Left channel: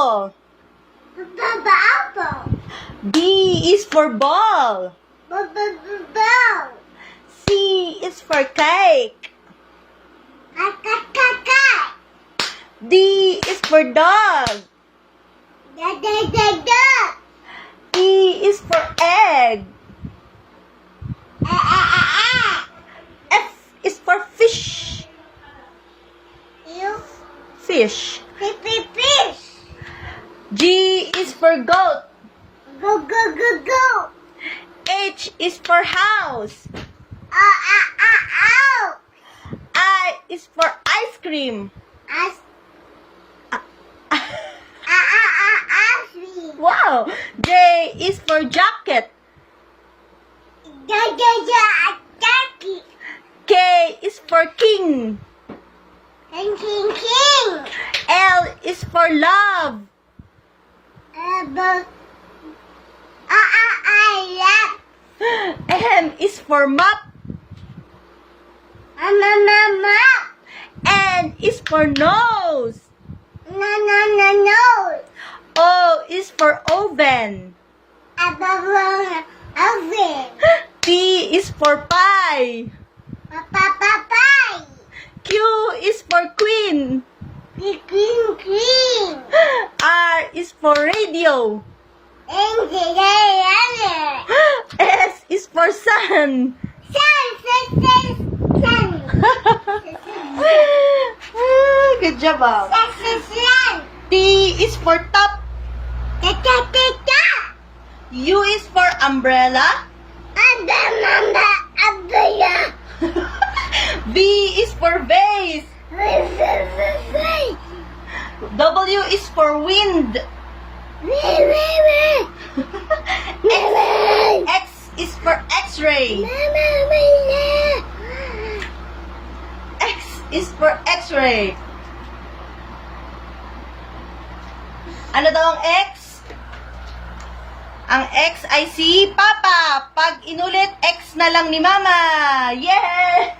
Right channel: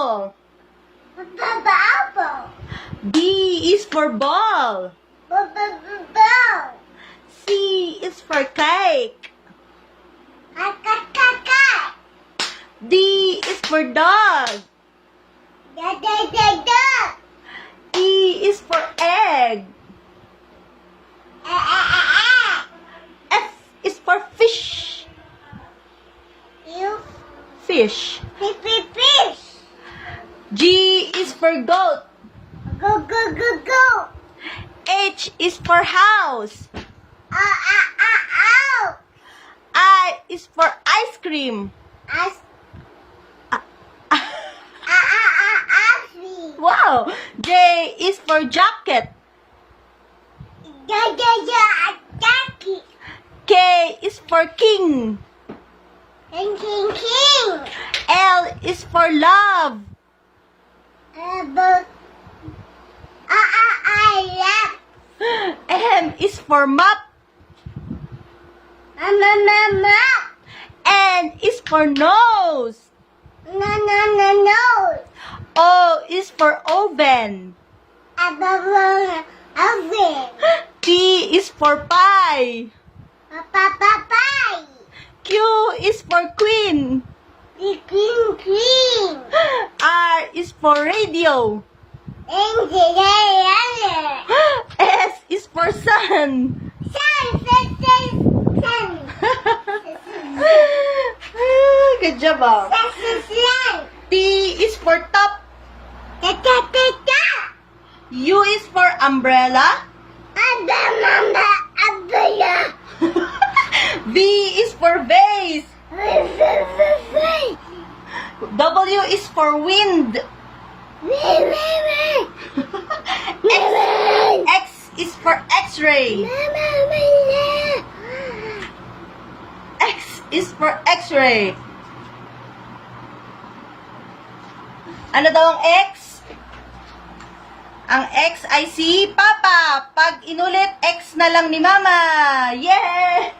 apple. Apple. B is for ball. Ball. C is for cake. Cat. D is for dog. Dog. E is for egg. F is for fish. You Fish. fish. G is for goat. Go. H is for house. Ow. I is for ice cream. Wow. J is for jacket. Jackie. K is for king. King. L is for love. M is for map. Mama. N is for nose. No. O is for oven. Oven. P is for pie. Pie. Q is for queen. Cream. R is for radio. S is for sun. Good job, Bob. T is for top. U is for umbrella. V is for vase. W is for wind. X is for x-ray. X is for x-ray. Ano daw ang X? Ang X ay si Papa. Pag inulit, X na lang ni Mama. Yeah!